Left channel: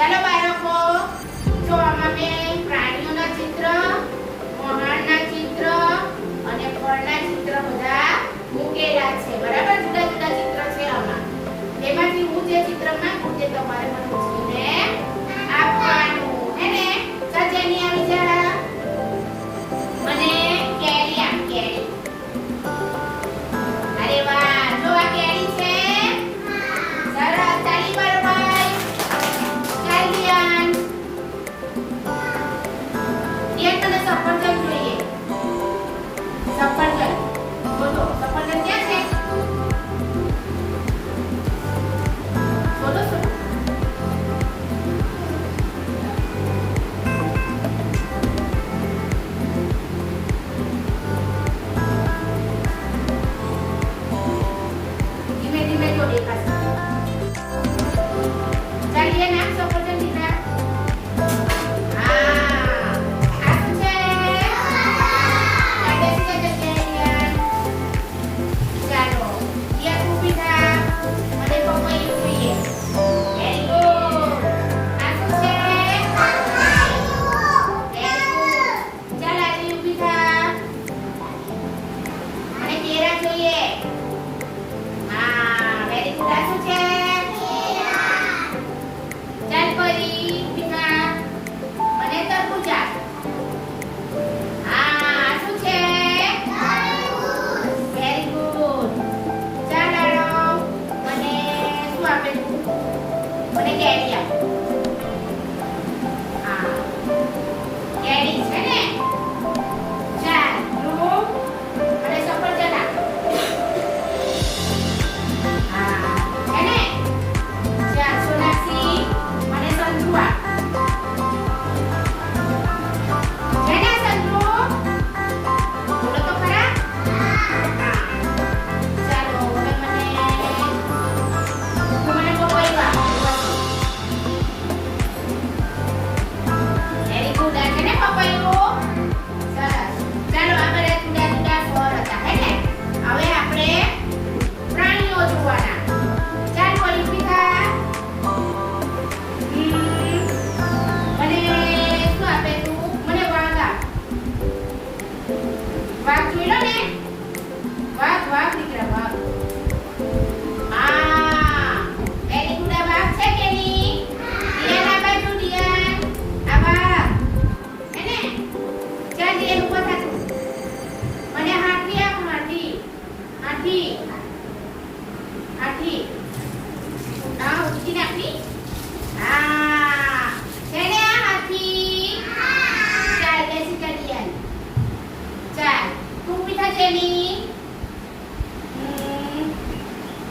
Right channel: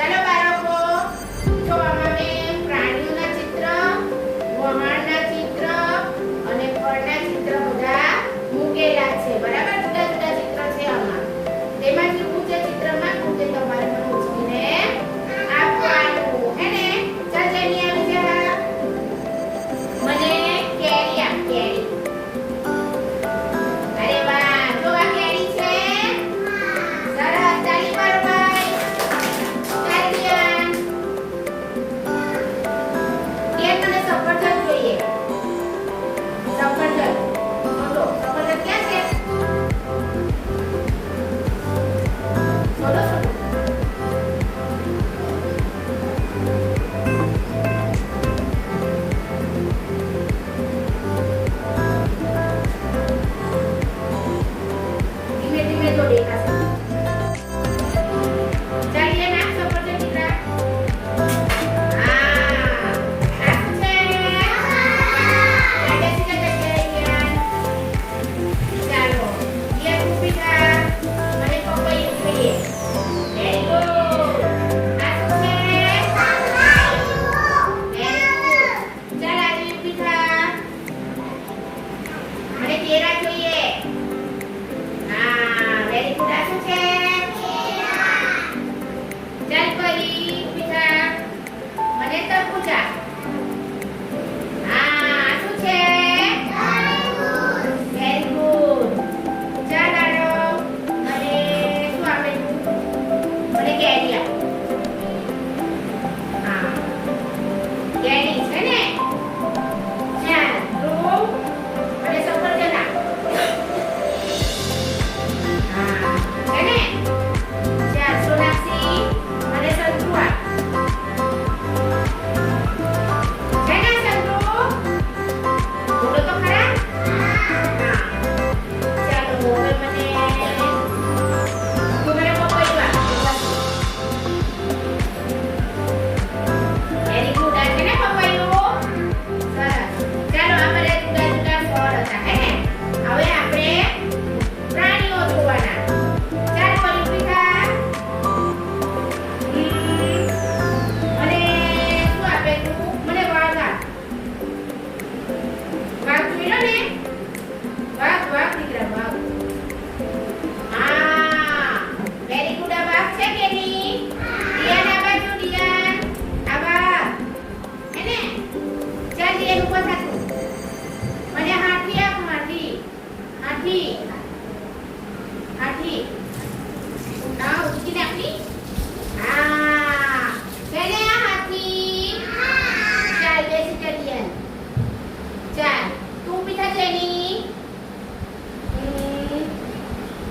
ચાલો બાળકો, જો આમાં મેં પ્રાણીઓના ચિત્ર, વહાણના ચિત્ર અને ફળના ચિત્ર બધા મૂકેલા છે. બરાબર, જુદા જુદા ચિત્ર છે આમાં. એમાંથી હું જે ચિત્ર માંગુ તે તમારે મને પૂછીને આપવાનું. હે ને? ચાલ જેની આવી જા. મને કેરી આપ, કેરી. અરે વાહ, જો આ કેરી છે. સરસ, તાળી પાડો ભાઈ. ચાલ દિયાન. દિયાન તને સફરજન જોઈએ. સફરજન. બોલો, સફરજન ક્યાં છે? બોલો, બોલો. ધીમે ધીમે જો દેખાશે. ચાલ દિયાન, નાખ સફરજન દીકરા. હા, આ શું છે? ચાલ બેસી જા જગ્યાએ દિયાન. ચાલો, દિયાન ઊભી થા. મને પપૈયું જોઈએ. Very good. આ શું છે? Very good. ચાલ આદિ ઊભી થા. મને કેળા જોઈએ. હા, વેરી ગુડ. આ શું છે? ચાલ પરી ઊભી થા. મને તરબૂચા. હા, આ શું છે? Very good. ચાલ આરવ, મને શું આપે તું? મને કેરી આપ. હા, કેરી છે ને? ચાલ ધ્રુવ, મને સફરજન આપ. હા, છે ને? ચાલ સોનાક્ષી, મને સંતરું આપ. છે ને સંતરું? બોલો તો ખરા. હા. ચાલો, હવે મને પપૈયું આપ. Very good. આ છે ને પપૈયું? સરસ. ચાલો, આ બધા જુદા જુદા ફળ હતા, હે ને? હવે આપણે પ્રાણીઓ જોવાના. ચાલ પરી ઊભી થા. મને શું આપે તું? મને વાઘ આપ. વાઘ જોઈ લો ને. વાઘ, વાઘ દીકરા, વાઘ. હા, વેરી ગુડ. આ વાઘ છે કે નહીં? દિયાન, આ બાજુ દિયાન. આ વાઘ. હે ને? ચાલ દિયાન, ઊભો થા તું. મને હાથી આપ, હાથી. હાથી. હાથી. હા, ઊંચી નાખની. હા, છે ને આ હાથી? ચાલ બેસી જા દિયાન. ચાલ તું ઊભી થા જેની.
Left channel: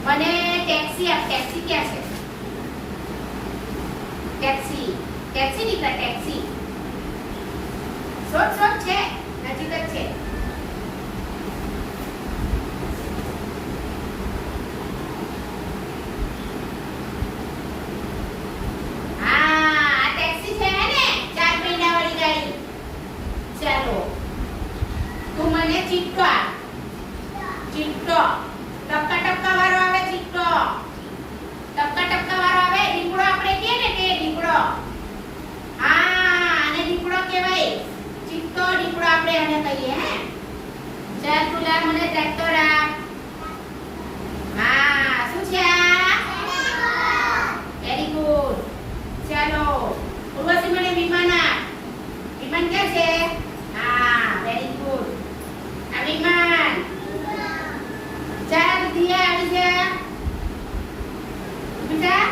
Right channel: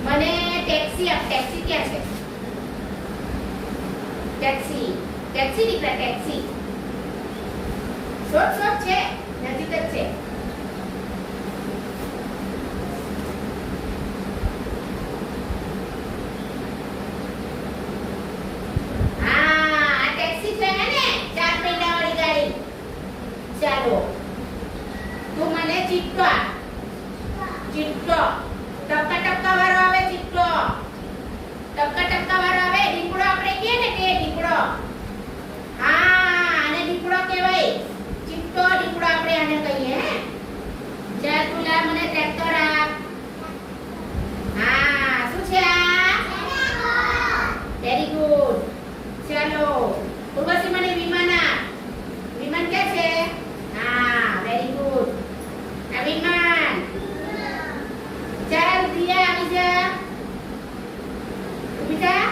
મને ટેક્સી આપ. ટેક્સી ક્યાં છે? ટેક્સી. ટેક્સી દીકરા, ટેક્સી. શોધ શોધ છે, નજીક જ છે. હા, આ ટેક્સી છે હે ને? 4 પૈડાવાળી ગાડી. ચાલો, તું મને ચીપટો આપ. ચીપટો. ટપકા ટપકા વાળો આવે ચીપટો. ટપકા ટપકા વાળો આવે. દીપડો આપણે કહે ને કે દીપડો. હા, આને દીપડો કહેવાય. ચીપટો દીપડો આપણે આને કહીએ, હે? ચાલ તું લા, મને ટ્રેક્ટર આપ. હા, શું છે આ? Very good. ચાલો, ઉર્વશી મને વિમાન આપ. વિમાન ક્યાં છે? હા, વેરી ગુડ. આ વિમાન. ચાલ દિયા આવી જા. ઊભી થા.